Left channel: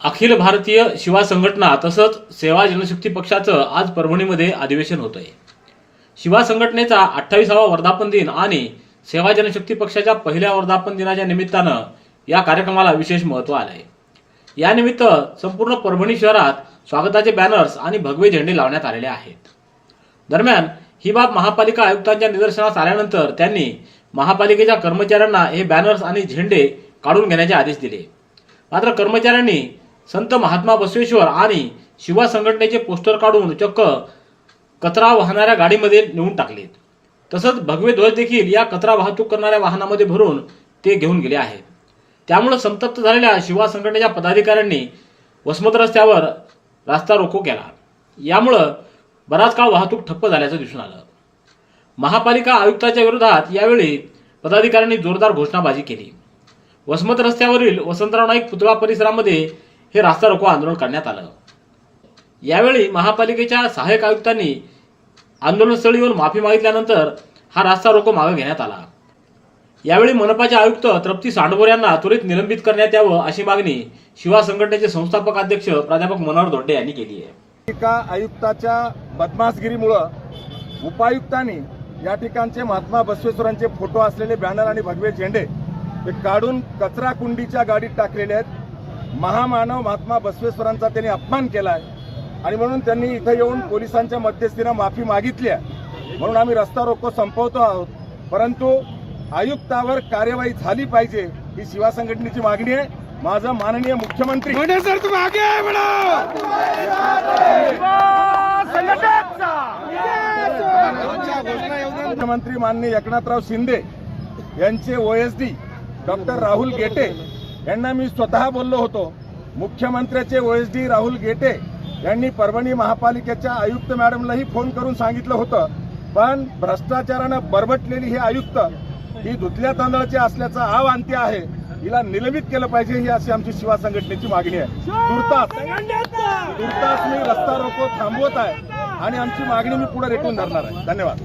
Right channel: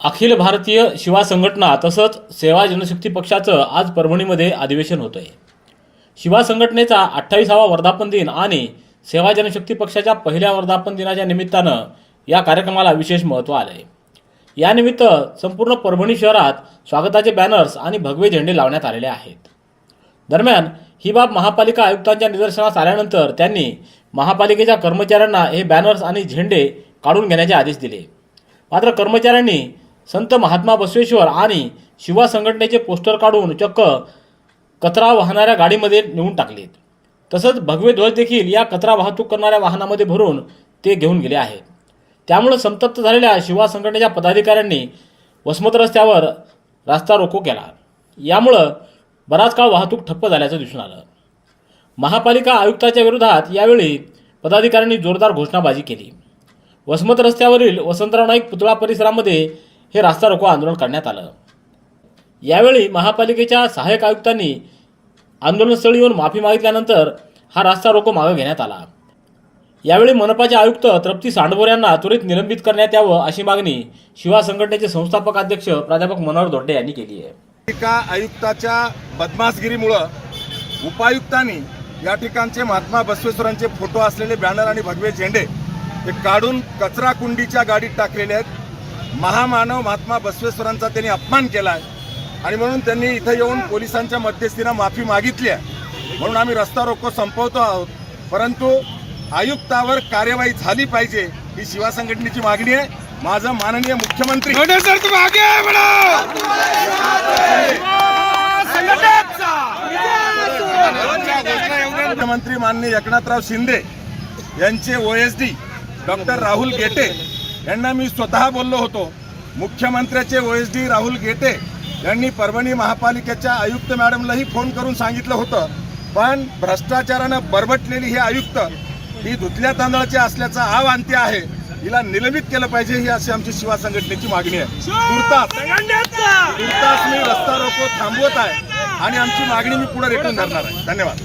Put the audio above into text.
अखिल भारतीय शिवा संघटना तसंच सेवा जनशक्ती पक्षाचं आज परभणीमध्ये अधिवेशन होत आहे शिवा संघटनेचा अठ्ठावीसावा वर्धापन दिन आणि सेवा जनशक्ती पक्षाच्या पहिल्या वर्धापन दिनाच्या निमित्तानं या कार्यक्रमाला विशेष महत्त्व आलं आहे यानिमित्त संपूर्ण परभणी शहरात स्वागताचे बॅनर्स आणि भगवे झेंडे लावण्यात आलेले आहेत. दरम्यान ही बाब महापालिका आयुक्तांच्या निदर्शनास आल्यानंतर त्यांनी महापालिकेच्या कर्मचाऱ्यांना हे बॅनर्स आणि झेंडे काढून घेण्याचे आदेश दिले. मात्र कर्मचाऱ्यांनी संत महात्मा बसवेश्वर आणि शिवा संघटनेचे पोस्टर काढून चक्क कचरा वाहणाऱ्या गाडीमध्ये नेऊन टाकलेत. तसंच भगवे ध्वज देखील या कचरा वाहतूक करणाऱ्या वाहनामध्ये भरून ते घेऊन गेले आहेत. त्यामुळं संतप्त झालेल्या शिवा संघटनेच्या पदाधिकाऱ्यांनी वसमत रस्त्यावर रास्ता रोको केला. यामुळं बराच काळ वाहतूक ठप्प झाल्याचं दिसून आलं. महापालिका आयुक्ताच्या विरोधात यावेळी पदाधिकाऱ्यांनी जोरदार घोषणाबाजी केली. वसमत रस्त्यावरील वसंतराव नाईक पुतळा परिसरामध्ये हे रास्ता रोको आंदोलन करण्यात आलं. यावेळी महापालिकेच्या सहाय्यक आयुक्तांनी आंदोलनस्थळी येऊन माफी मागितल्यानंतर हा रास्ता रोको मागे घेण्यात आला. यावेळी मनपाचे आयुक्त तृप्ती सांडभोर यांना त्वरित निलंबित करण्यात यावं अशी मागणी शिवा संघटनेचे संस्थापक अध्यक्ष प्राध्यापक मनोहर दोड्डे यांनी केली आहे. टीका आयुक्ताच्या बदमाशगिरीमुळं उपायुक्तांनी या ठिकाणचे महात्मा बसवेश्वरांचे फोटो असलेले बॅनर आणि भगवे झेंडे हे काढून कचरा कुंडीच्या गाडीत टाकलेले आहेत. महामानव महात्मा बसवेश्वरांचा त्यांनी अपमान केला आहे. आणि म्हणून त्यांनी इथं येऊन पोलिसांच्या मध्यस्थीनं माफी मागितली आहे. म्हणून आम्ही रस्ता रोको संपवतो आहोत. परंतु आयुक्तावर कार्यवाही झाली पाहिजे ही शिवा संघटनेची मागणी आहे. माझं माननीय मुख्यमंत्री मुख्यमंत्री माननीय एकनाथराव शिंदे यांचे ओएसडी डॉक्टर राहुल गेटे यांना मी स्वतः बोललो होतो. मुख्यमंत्र्याचे O S D Rahul Gete यांनी परभणी महापालिकेच्या आयुक्त मॅडमलाही फोन करून सांगितलं होतं. पण भ्रष्टाचारानं बरबटलेली ही आयुक्त ही धुतल्या तांदळाची असल्याचा आव अंत्य आहे. हिला निलंबित केलं पाहिजे ही अशी आमची शिवा संघटनेची मागणी आहे. तुर्तास तुर्तास मी रस्ता रोको थांबवत आहे आणि आमची मागणी मी पुढे रेटून धरणार आहे. धन्यवाद.